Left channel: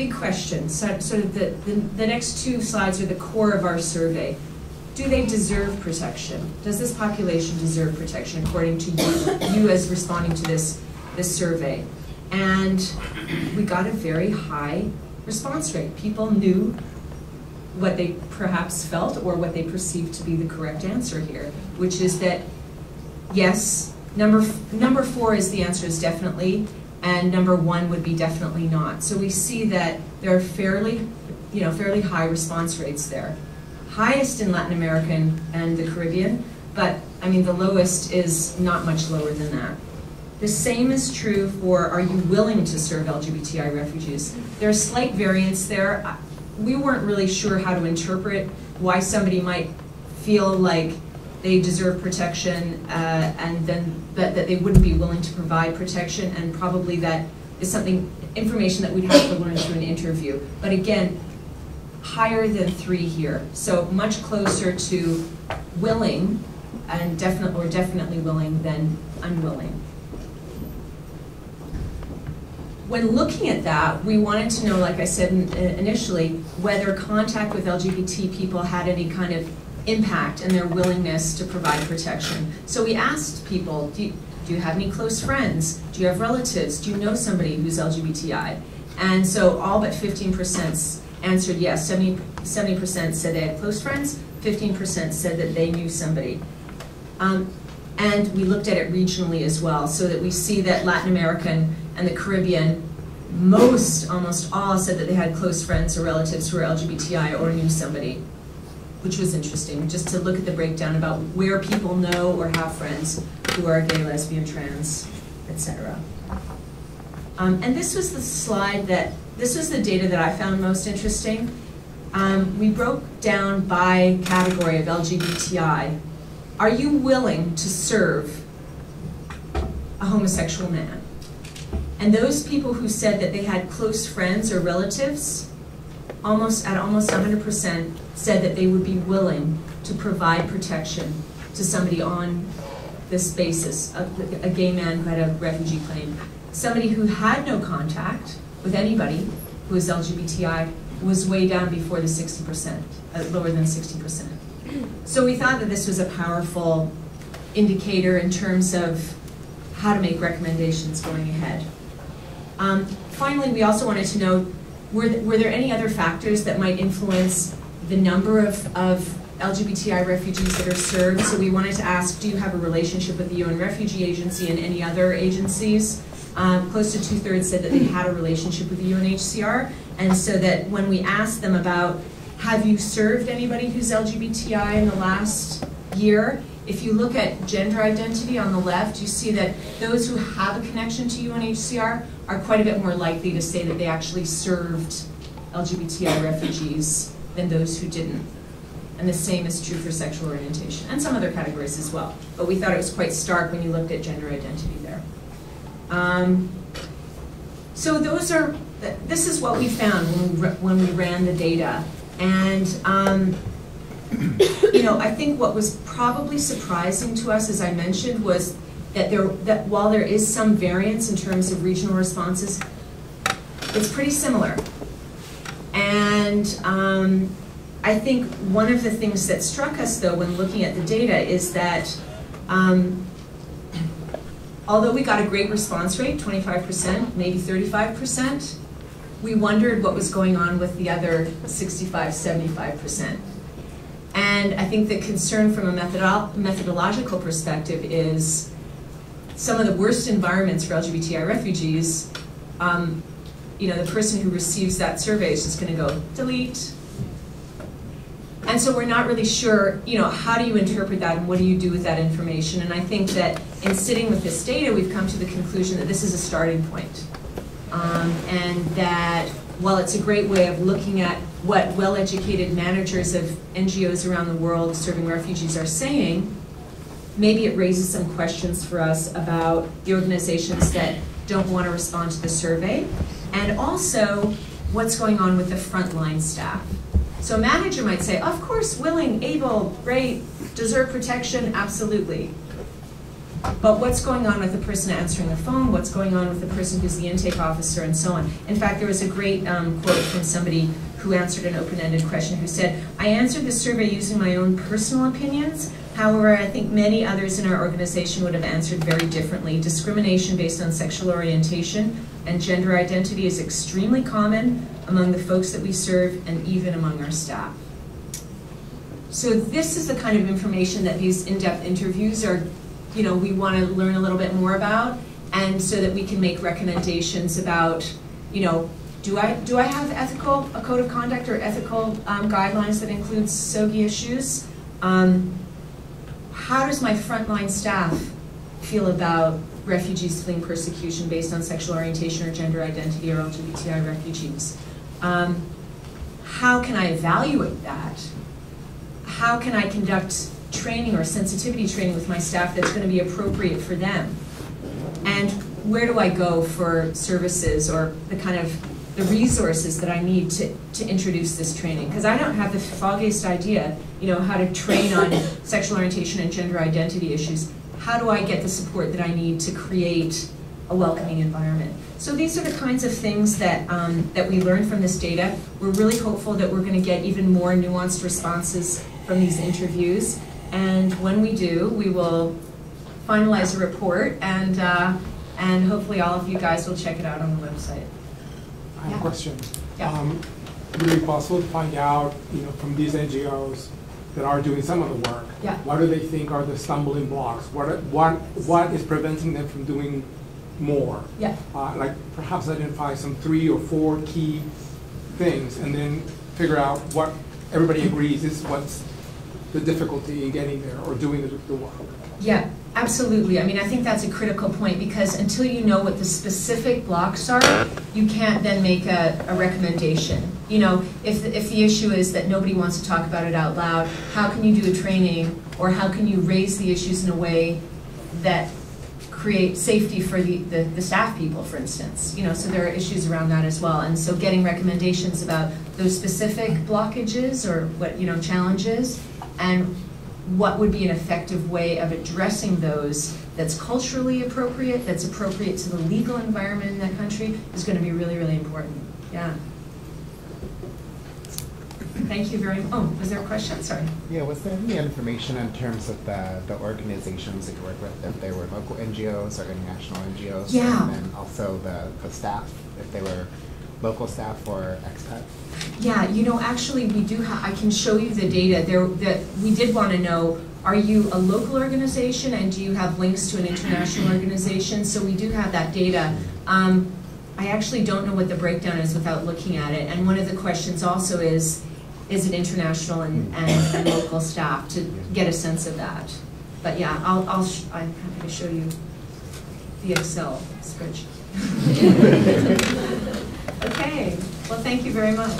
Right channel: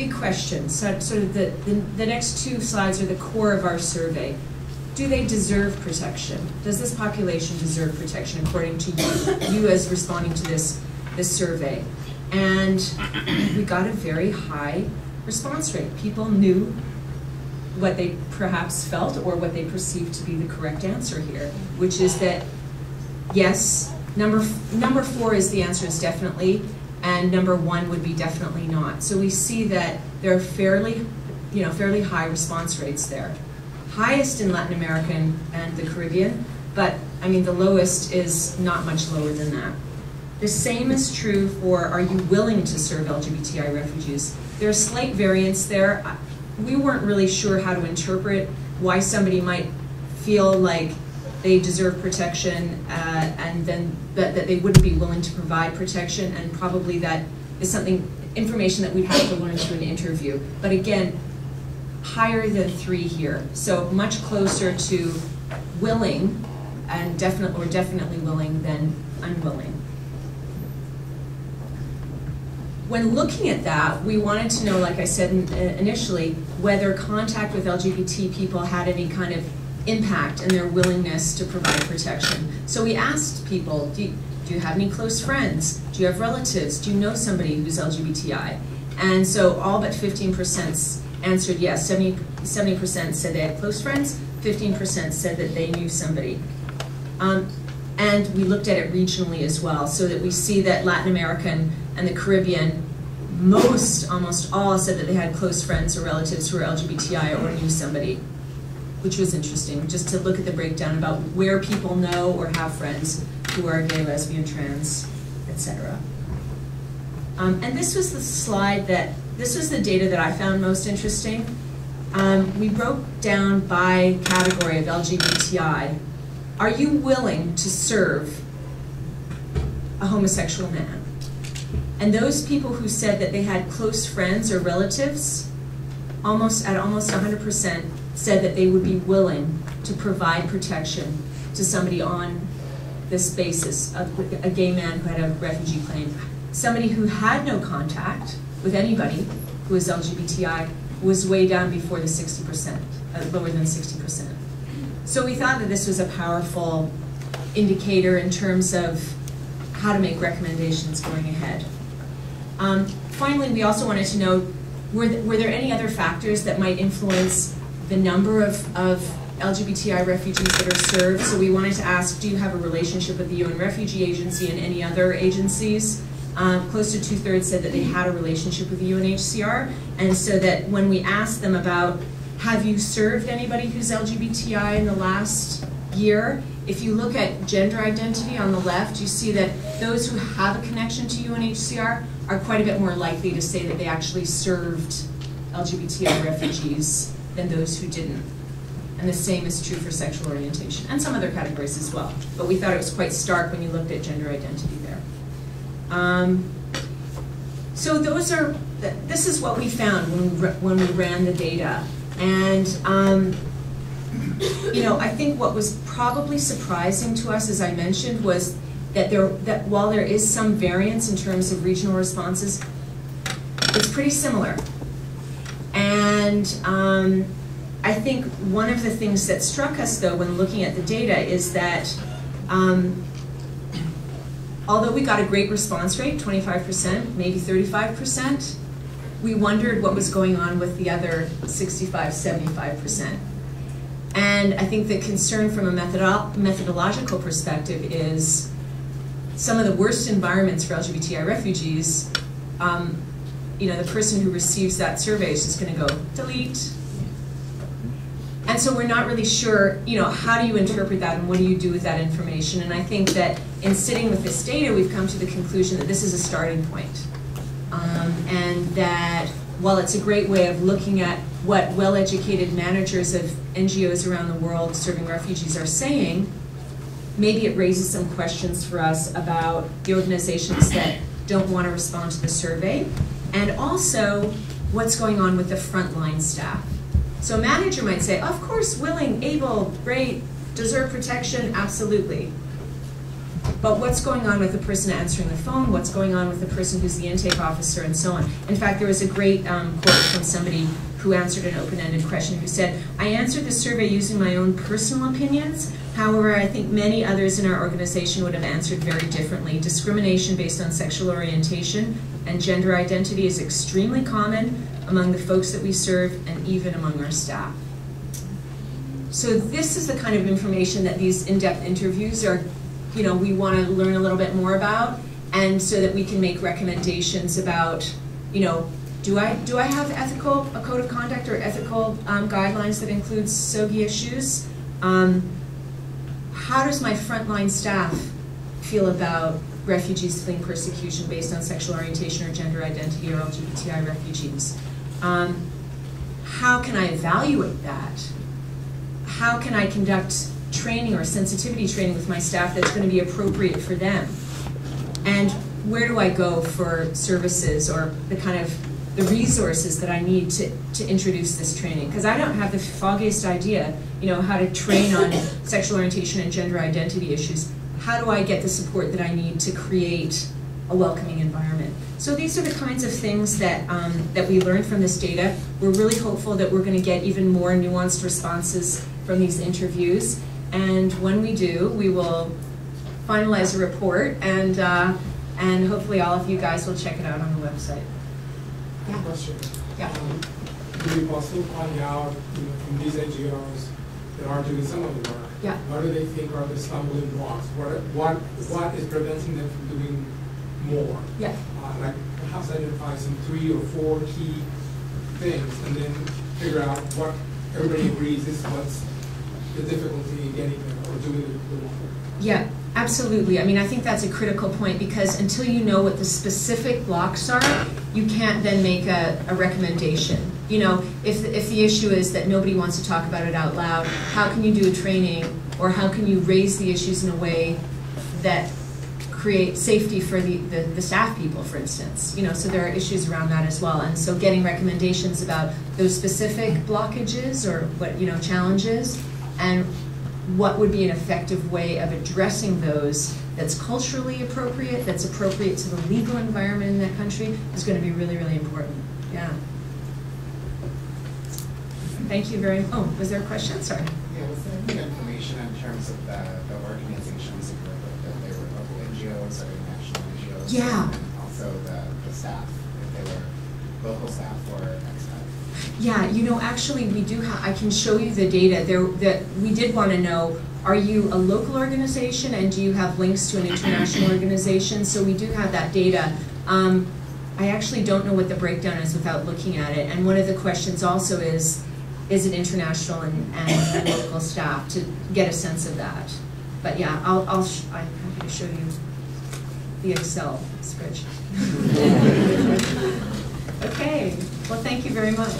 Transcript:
big question, sort of the next two slides are the core of our survey. Do they deserve protection? Does this population deserve protection according to you as responding to this survey? And we got a very high response rate. People knew what they perhaps felt or what they perceived to be the correct answer here, which is that yes, number 4 is the answer is definitely, and number 1 would be definitely not. So we see that there are fairly high response rates there. Highest in Latin America and the Caribbean, but I mean the lowest is not much lower than that. The same is true for, are you willing to serve LGBTI refugees? There's slight variance there. We weren't really sure how to interpret why somebody might feel like they deserve protection and then that they wouldn't be willing to provide protection, and probably that is information that we'd have to learn through an interview. But again, higher than 3 here, so much closer to willing and definitely willing than unwilling. When looking at that, we wanted to know, like I said initially, whether contact with LGBT people had any kind of impact in their willingness to provide protection. So we asked people, do you have any close friends? Do you have relatives? Do you know somebody who's LGBTI? And so all but 15% answered yes. 70% said they had close friends, 15% said that they knew somebody. And we looked at it regionally as well, so that we see that Latin American and the Caribbean, almost all said that they had close friends or relatives who were LGBTI or knew somebody, which was interesting, just to look at the breakdown about where people know or have friends who are gay, lesbian, trans, etc. And this was the slide this was the data that I found most interesting. We broke down by category of LGBTI. Are you willing to serve a homosexual man? And those people who said that they had close friends or relatives, almost 100% said that they would be willing to provide protection to somebody on this basis, a gay man who had a refugee claim. Somebody who had no contact with anybody who was LGBTI was way down before the 60%, lower than 60%. So we thought that this was a powerful indicator in terms of how to make recommendations going ahead. Finally, we also wanted to know, were there any other factors that might influence the number of LGBTI refugees that are served? So we wanted to ask, do you have a relationship with the UN Refugee Agency and any other agencies? Close to 2/3 said that they had a relationship with the UNHCR, and so that when we asked them about, have you served anybody who's LGBTI in the last year? If you look at gender identity on the left, you see that those who have a connection to UNHCR are quite a bit more likely to say that they actually served LGBTI refugees than those who didn't. And the same is true for sexual orientation and some other categories as well. But we thought it was quite stark when you looked at gender identity there. So this is what we found when we ran the data. And I think what was probably surprising to us, as I mentioned, was that while there is some variance in terms of regional responses, it's pretty similar. And I think one of the things that struck us, though, when looking at the data is that although we got a great response rate, 25%, maybe 35%, we wondered what was going on with the other 65, 75%. And I think the concern from a methodological perspective is some of the worst environments for LGBTI refugees, the person who receives that survey is just going to go, delete. And so we're not really sure, how do you interpret that and what do you do with that information? And I think that in sitting with this data, we've come to the conclusion that this is a starting point. And that while it's a great way of looking at what well-educated managers of NGOs around the world serving refugees are saying, maybe it raises some questions for us about the organizations that don't want to respond to the survey, and also what's going on with the frontline staff. So a manager might say, of course, willing, able, great, deserve protection, absolutely. But what's going on with the person answering the phone? What's going on with the person who's the intake officer, and so on? In fact, there was a great quote from somebody who answered an open-ended question who said, "I answered the survey using my own personal opinions. However, I think many others in our organization would have answered very differently. Discrimination based on sexual orientation and gender identity is extremely common among the folks that we serve and even among our staff." So this is the kind of information that these in-depth interviews are, we want to learn a little bit more about, and so that we can make recommendations about, do I have a code of conduct or ethical guidelines that include SOGI issues? How does my frontline staff feel about refugees fleeing persecution based on sexual orientation or gender identity, or LGBTI refugees? How can I evaluate that? How can I conduct training or sensitivity training with my staff that's going to be appropriate for them? And where do I go for services or the resources that I need to introduce this training? Because I don't have the foggiest idea, how to train on sexual orientation and gender identity issues. How do I get the support that I need to create a welcoming environment? So these are the kinds of things that, that we learned from this data. We're really hopeful that we're going to get even more nuanced responses from these interviews. And when we do, we will finalize a report, and hopefully all of you guys will check it out on the website. I have a question. Yeah. Would it be possible to find out, from these NGOs that are doing some of the work, Yeah. what do they think are the stumbling blocks? What is preventing them from doing more? Yeah. Like perhaps identify some 3 or 4 key things, and then figure out what everybody agrees is what's the difficulty in getting there or doing the work. Yeah, absolutely. I mean, I think that's a critical point, because until you know what the specific blocks are, you can't then make a recommendation. If the issue is that nobody wants to talk about it out loud, how can you do a training, or how can you raise the issues in a way that create safety for the staff people, for instance? So there are issues around that as well. And so getting recommendations about those specific blockages or challenges, and what would be an effective way of addressing those that's culturally appropriate, that's appropriate to the legal environment in that country, is going to be really, really important. Yeah. Thank you very much. Oh, was there a question? Sorry. Yeah, was there any information in terms of the organizations that you work with, if they were local NGOs or international NGOs? Yeah. And also the staff, if they were local staff or expat? Yeah, actually we do have, I can show you the data there. That we did want to know, are you a local organization, and do you have links to an international organization? So we do have that data. I actually don't know what the breakdown is without looking at it. And one of the questions also is it international and local staff, to get a sense of that. But yeah, I'm happy to show you the Excel spreadsheet. Okay, well, thank you very much.